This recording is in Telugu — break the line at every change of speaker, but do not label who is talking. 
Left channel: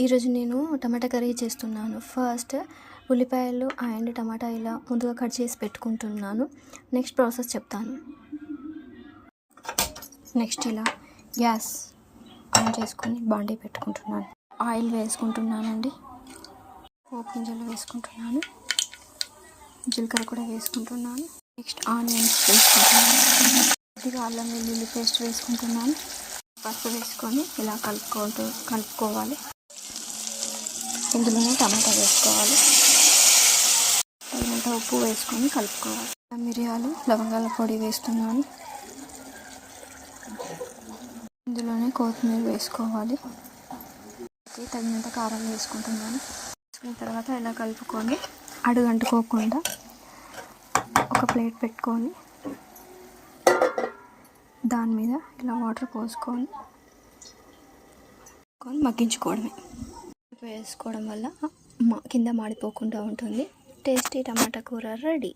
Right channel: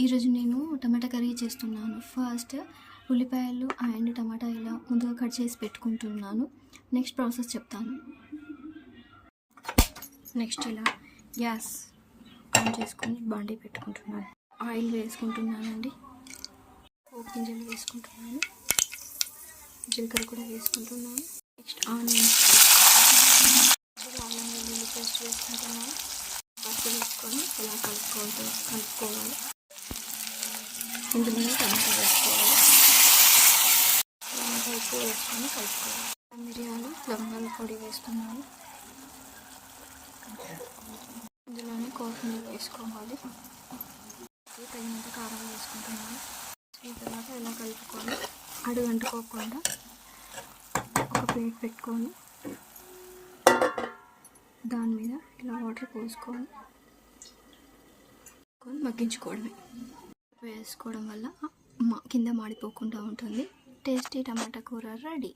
ఈరోజు నేను టమాటా కర్రీ చేస్తున్నాను. ఫస్ట్ ఉల్లిపాయలు అండ్ టమాటా ఇలా ముందుగా కట్ చేసి పెట్టుకుంటున్నాను. నెక్స్ట్ ప్రాసెస్ చెప్తాను. నెక్స్ట్ ఇలా గ్యాస్ ఆన్ చేసుకొని బాండీ పెట్టుకుంటున్నాను. ఆయిల్ వేసుకుంటున్నానండి. పోపు గింజలు వేసుకుంటున్నాను. జీలకర్ర కూడా వేసుకుంటున్నాను. నెక్స్ట్ ఆనియన్స్ వేసుకుంటున్నాను. అల్లం వెల్లుల్లి పేస్ట్ వేసుకుంటున్నాను. పసుపు వేసుకొని ఇలా కలుపుకోవద్దు కలుపుకోవాలి. ఇందులోనే టమాటా వేసుకోవాలి. టమాటా ఉప్పు వేసుకొని కలుపుకోవాలి. మిరియాలు లవంగాల పొడి వేస్తున్నాను. ఇందులోనే కొత్తిమీర వేసుకోవాలి. తగినంత కారం వేసుకుంటున్నాను. వేసుకున్న తర్వాత ఇలా కలుపుకొని అడుగు అంటుకోకుండా ఒక ప్లేట్ పెట్టుకొని దాని మీద ఇలా వాటర్ పోసుకొని మగ్గించుకోవడమే వేసుకోవడం వల్ల మా కింద మాడిపోకుండా ఉంటుంది. టేస్టీ టమాటా కూర రెడీ.